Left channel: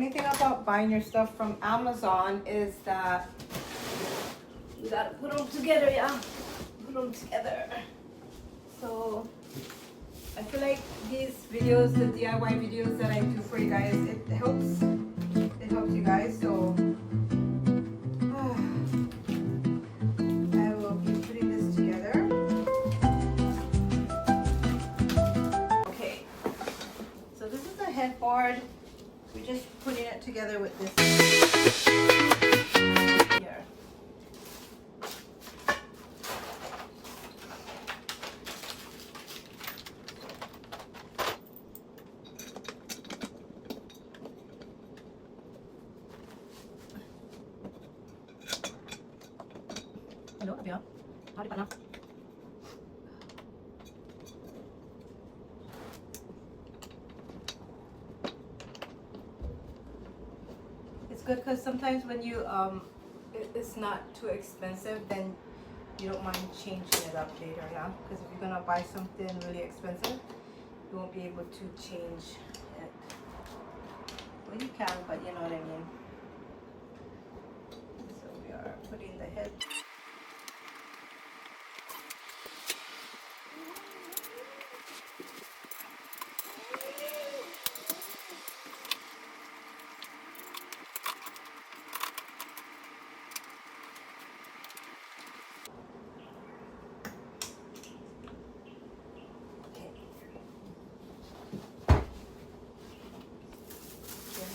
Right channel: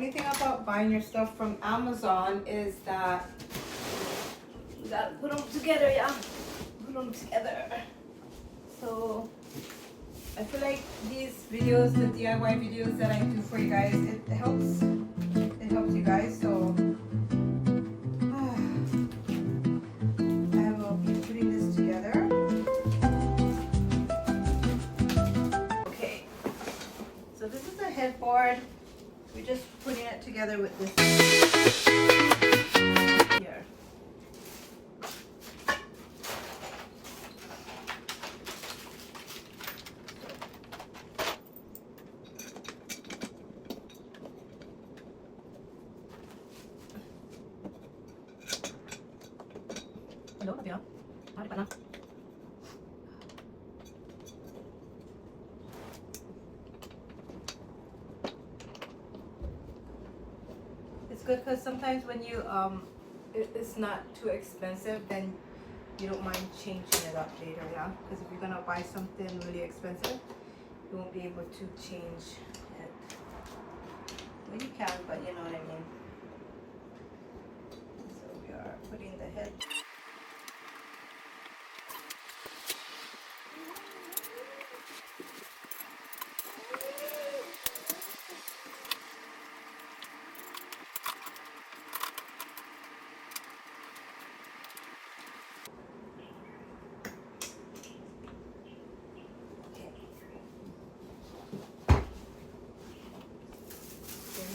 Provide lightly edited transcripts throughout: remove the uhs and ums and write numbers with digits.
only thing about buying your stuff from Amazon is that you gotta put them together, yeah. Put them together. So I feel like these videos, the DIY videos that I do for you guys, it helps you guys. So I will be putting this together. Okay, so this is a headboard. We're just putting it together with this here. Hello, Abia. Howdy, Pana. It's good because sometimes when you it's not too expensive, then you don't mind changing it up later, yeah. Because if you're gonna buy something really expensive, you won't be able to change it. Well, you can, but you know what I mean. So we are putting the head.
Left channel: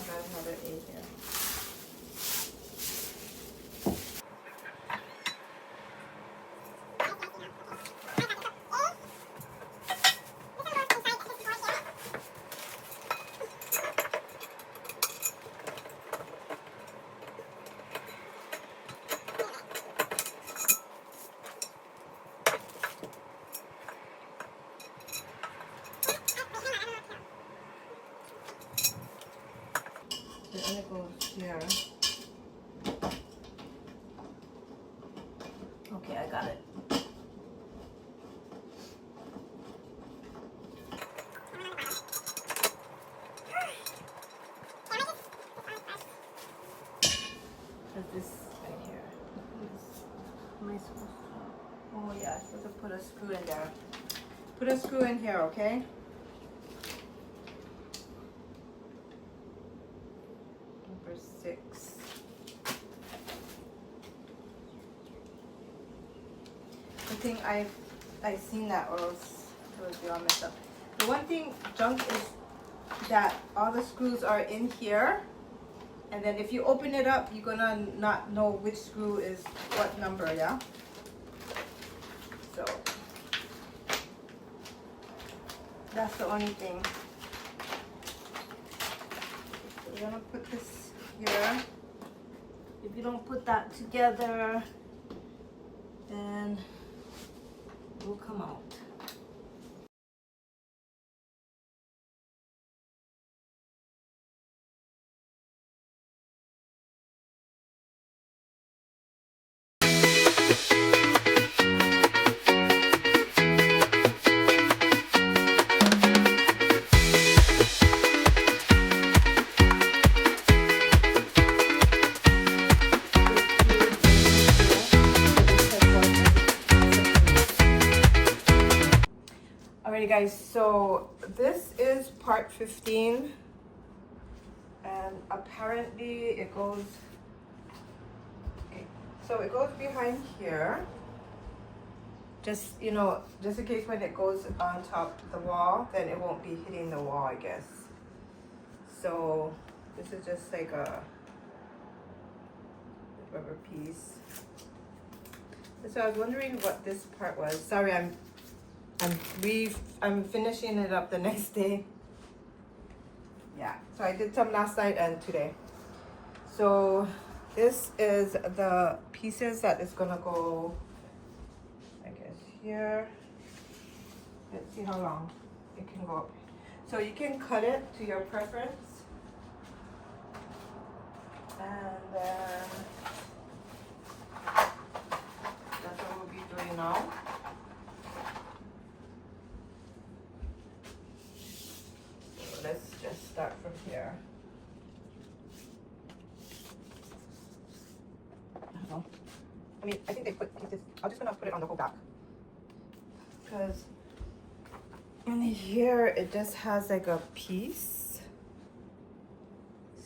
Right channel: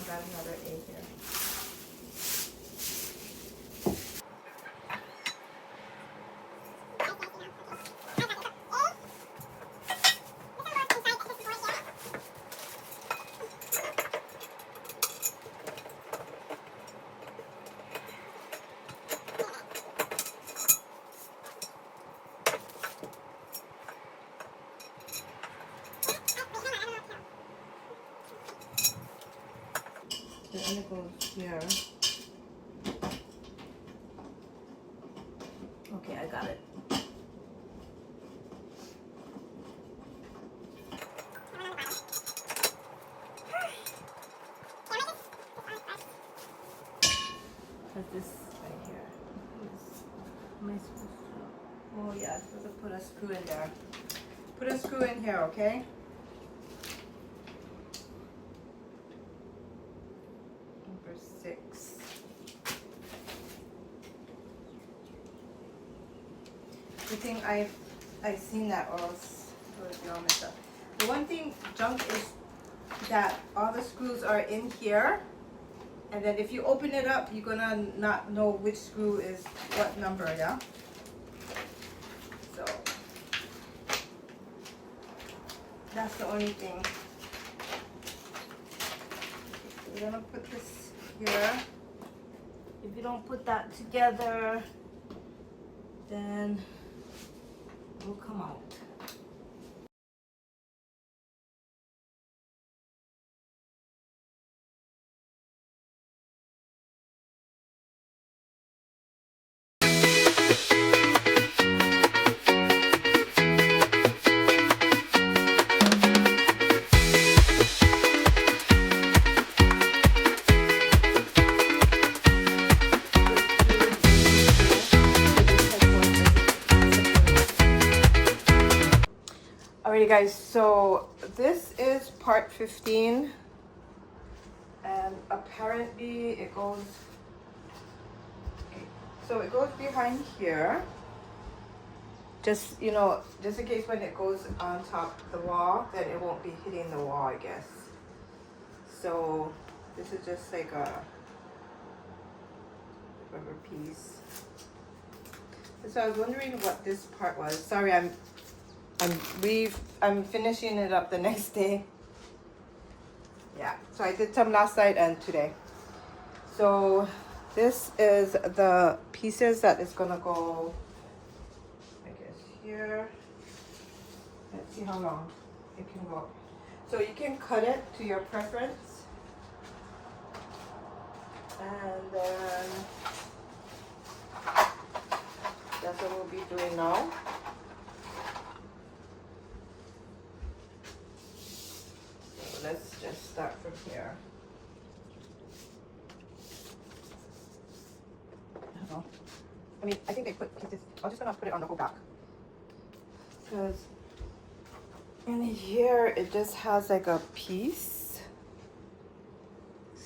Got another A here. So I'm gonna go here. Okay, I got it. Because this right here. Am I supposed to? Oh yeah, I'm supposed to put a screw in there. Put a screw in here, okay? Number 6. Good thing I've seen that, or else it would be all messed up. The one thing junk is that all the screws are in here, and then if you open it up, you're gonna not know which screw is what number, yeah? So that's the only thing. So we're gonna put this here. If you don't put that together, then it will come out. Alrighty guys, so this is part 15, and apparently it goes, so it goes behind here, just, you know, just in case when it goes on top of the wall, then it won't be hitting the wall, I guess. So this is just like a rubber piece. So I was wondering what this part was. Sorry, I'm finishing it up the next day. Yeah, so I did some last night and today. So this is the pieces that is gonna go, I guess, here. Let's see how long it can go. So you can cut it to your preference. And then that's what we'll be doing now. So let's just start from here. I mean, I think they put pieces. I'm just gonna put it on the whole back because in here it just has like a piece,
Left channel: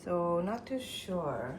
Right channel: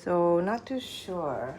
so not too sure.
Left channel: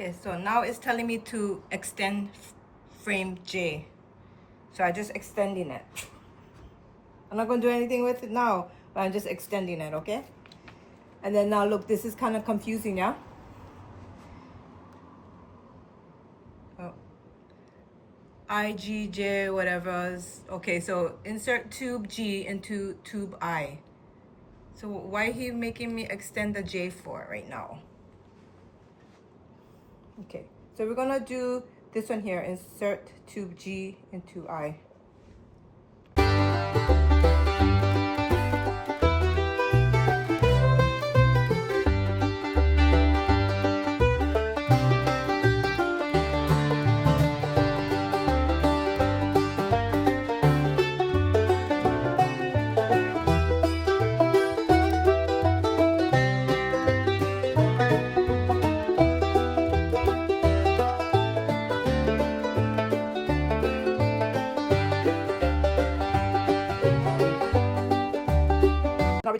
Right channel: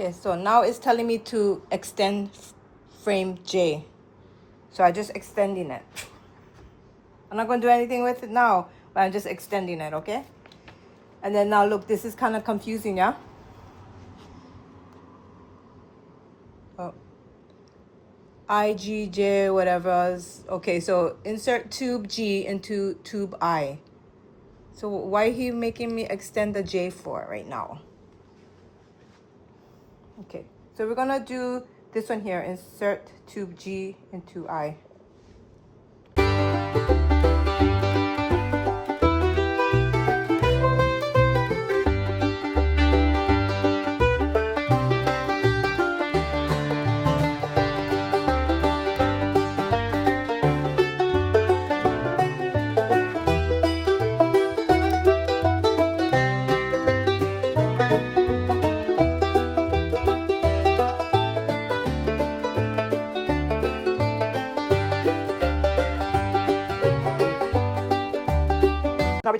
Okay, so now it's telling me to extend frame J. So I'm just extending it. I'm not going to do anything with it now, but I'm just extending it, okay? And then now look, this is kind of confusing, yeah? Oh. IGJ, whatever. Okay, so insert tube G into tube I. So why are he making me extend the J for right now? Okay, so we're gonna do this one here, insert tube G into I. Now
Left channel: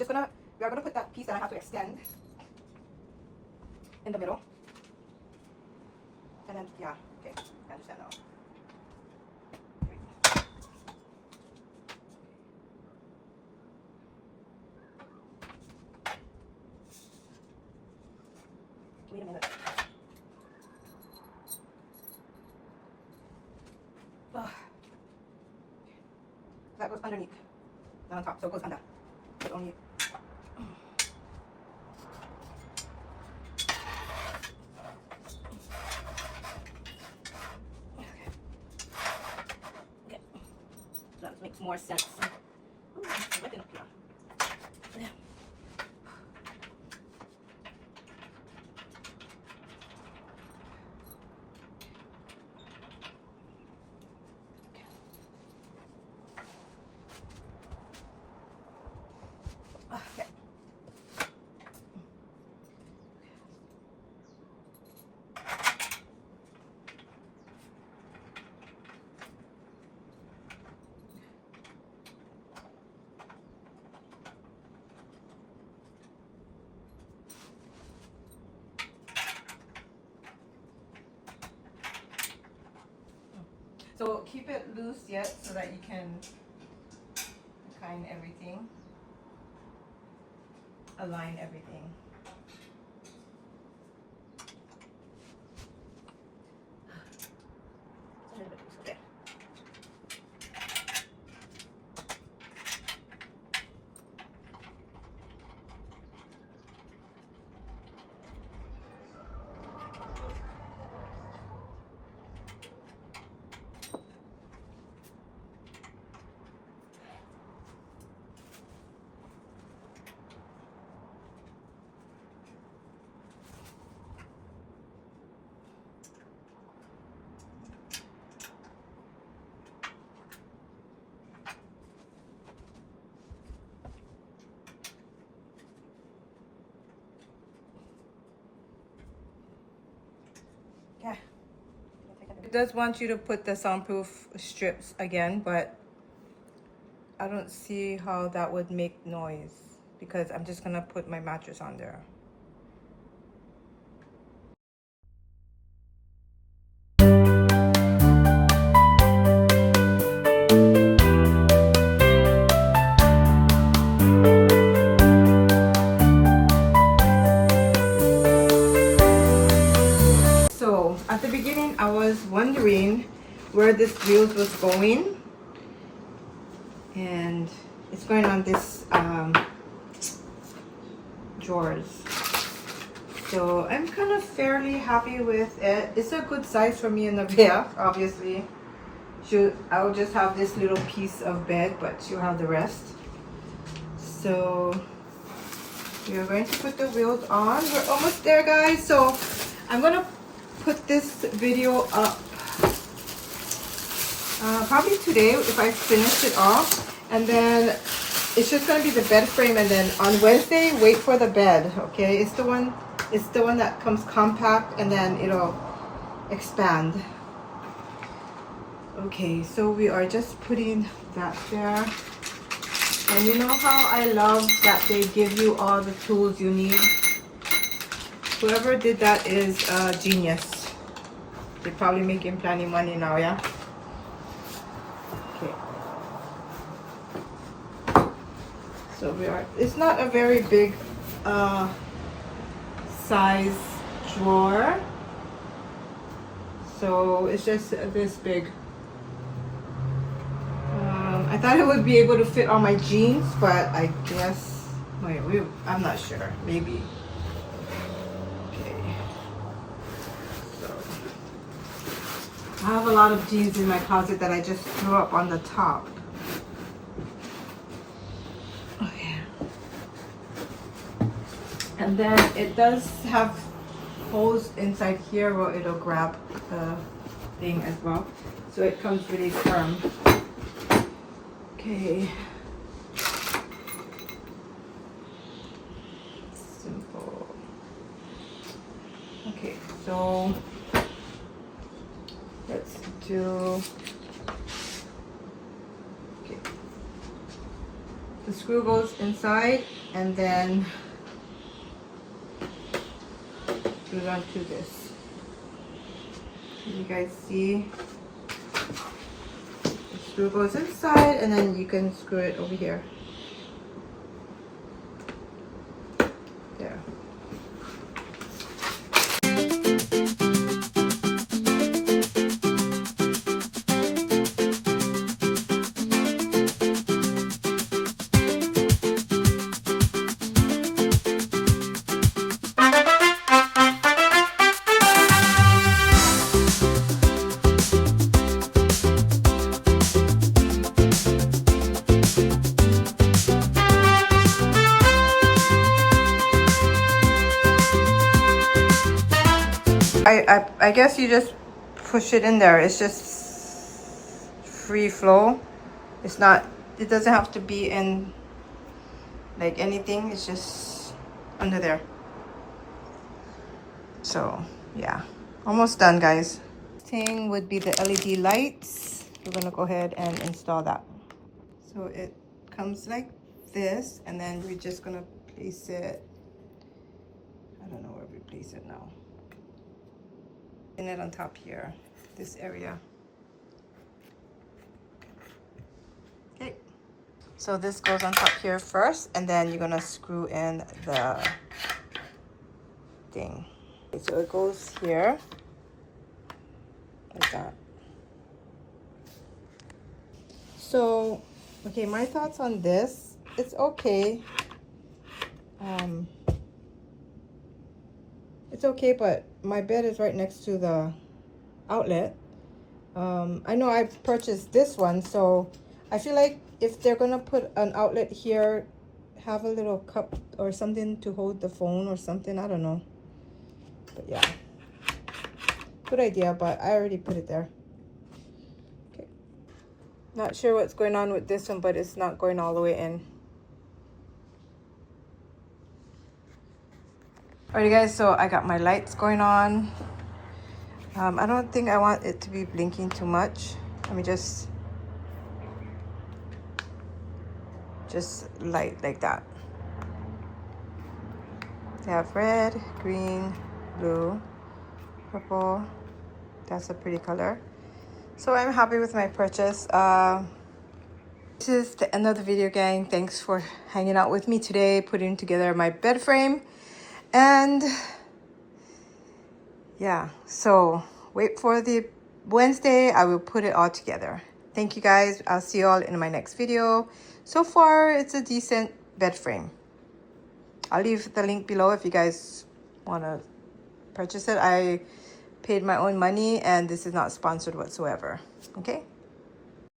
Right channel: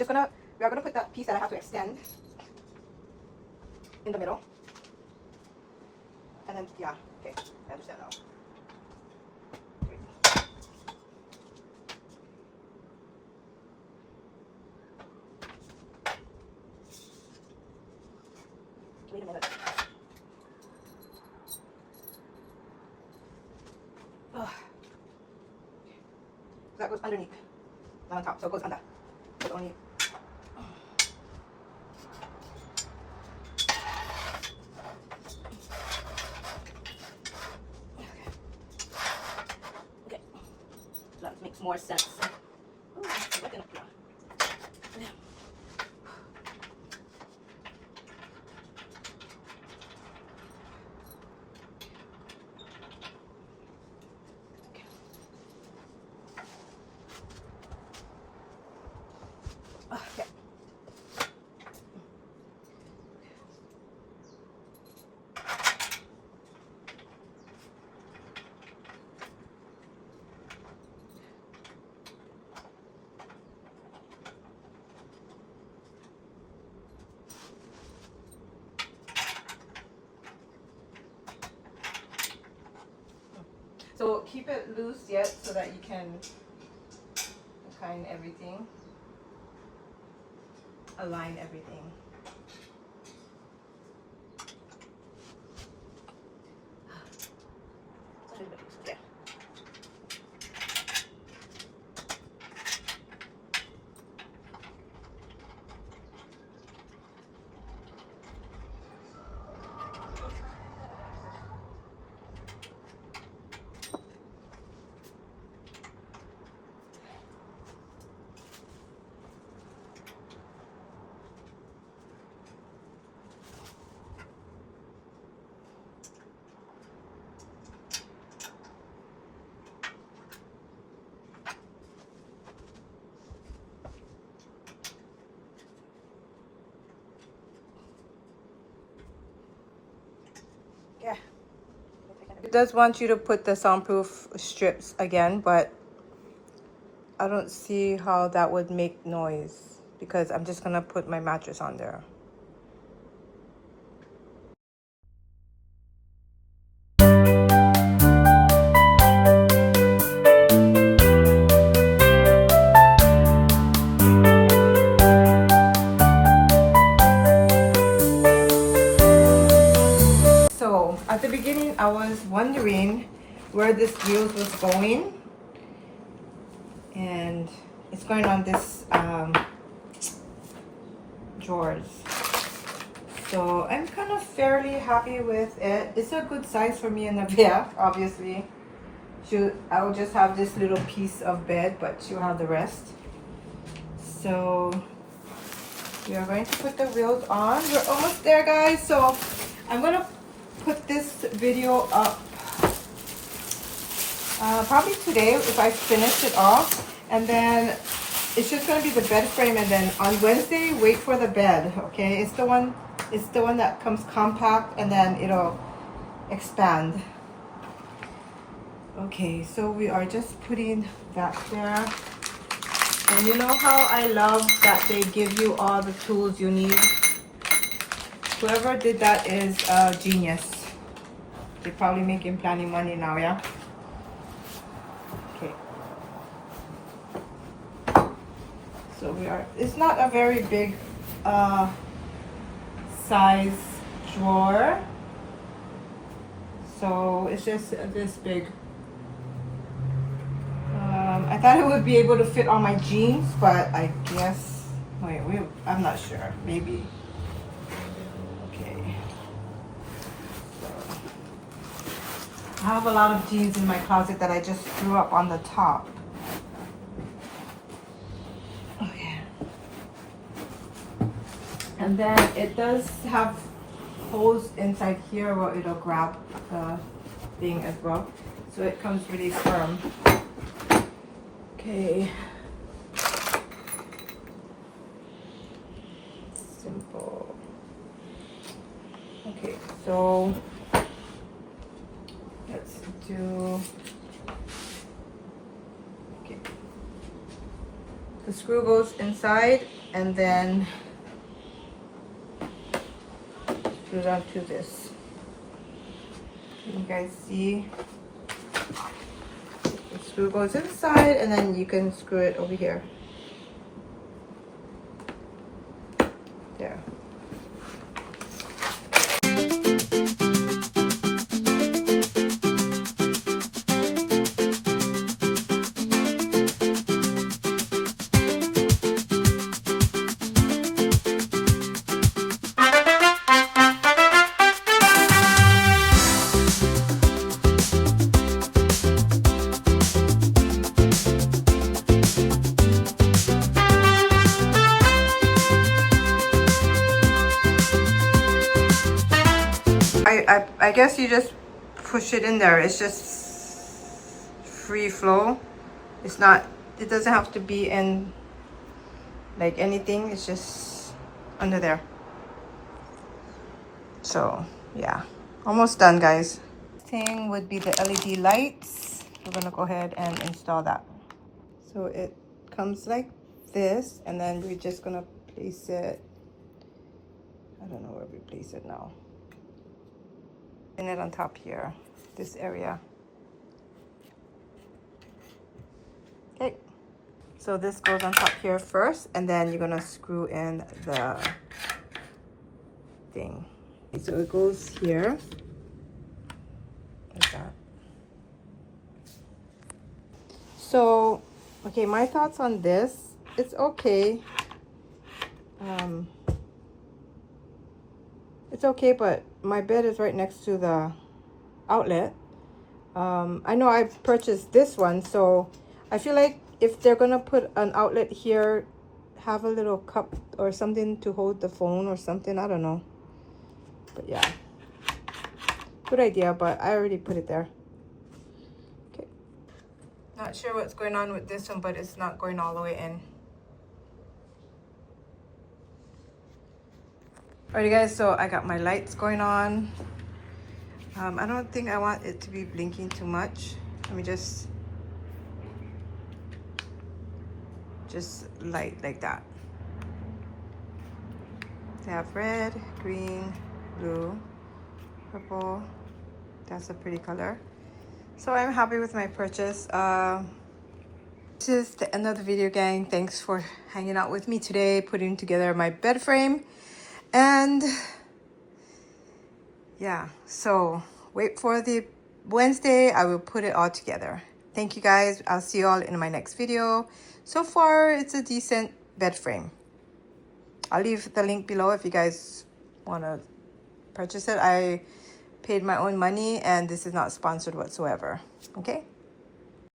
we are gonna put that piece that I have to extend in the middle. And then, yeah, okay, I understand now. Wait a minute. Oh. That goes underneath, not on top, so it goes under. But only. Okay. That makes more sense. Oh, it's wet enough here. Yeah. Okay. So keep it loose yet so that you can kind everything, align everything. It's a little bit loose, okay. It does want you to put the soundproof strips again, but I don't see how that would make noise because I'm just gonna put my mattress on there. So at the beginning, I was wondering where this wheels was going, and it's going on this drawers. So I'm kind of fairly happy with it. It's a good size for me and Navia, obviously. I'll just have this little piece of bed, but she'll have the rest. So we are going to put the wheels on. We're almost there, guys. So I'm gonna put this video up probably today if I finish it off, and then it's just gonna be the bed frame, and then on Wednesday wait for the bed. Okay, it's the one that comes compact and then it'll expand. Okay, so we are just putting that there, and you know how I love that they give you all the tools you need. Whoever did that is a genius. They're probably making plenty money now, yeah? Okay. So it's not a very big size drawer. So it's just this big. I thought it would be able to fit on my jeans, but I guess, I'm not sure, maybe. Okay. So I have a lot of jeans in my closet that I just threw up on the top. Okay. And then it does have holes inside here where it'll grab the thing as well. So it comes really firm. Okay. Simple. Okay, so let's do, okay. The screw goes inside, and then we run through this. Can you guys see? The screw goes inside, and then you can screw it over here. There. I guess you just push it in there. It's just free flow. It doesn't have to be in like anything. It's just under there. So yeah, almost done, guys. Thing would be the LED lights. We're gonna go ahead and install that. So it comes like this, and then we're just gonna place it, I don't know where we place it now. Pin it on top here, this area. Okay, so this goes on top here first, and then you're gonna screw in the thing. Okay, so it goes here like that. So okay, my thoughts on this, it's okay. It's okay, but my bed is right next to the outlet. I know I've purchased this one, so I feel like if they're gonna put an outlet here, have a little cup or something to hold the phone or something. I don't know, but yeah, good idea, but I already put it there. Okay, not sure what's going on with this one, but it's not going all the way in. Alrighty guys, so I got my lights going on. I don't think I want it to be blinking too much. Let me just light like that. They have red, green, blue, purple. That's a pretty color. So I'm happy with my purchase. This is the end of the video, gang. Thanks for hanging out with me today, putting together my bed frame. And yeah, so wait for the Wednesday. I will put it all together. Thank you guys. I'll see you all in my next video. So far, it's a decent bed frame. I'll leave the link below if you guys want to purchase it. I paid my own money and this is not sponsored whatsoever. Okay?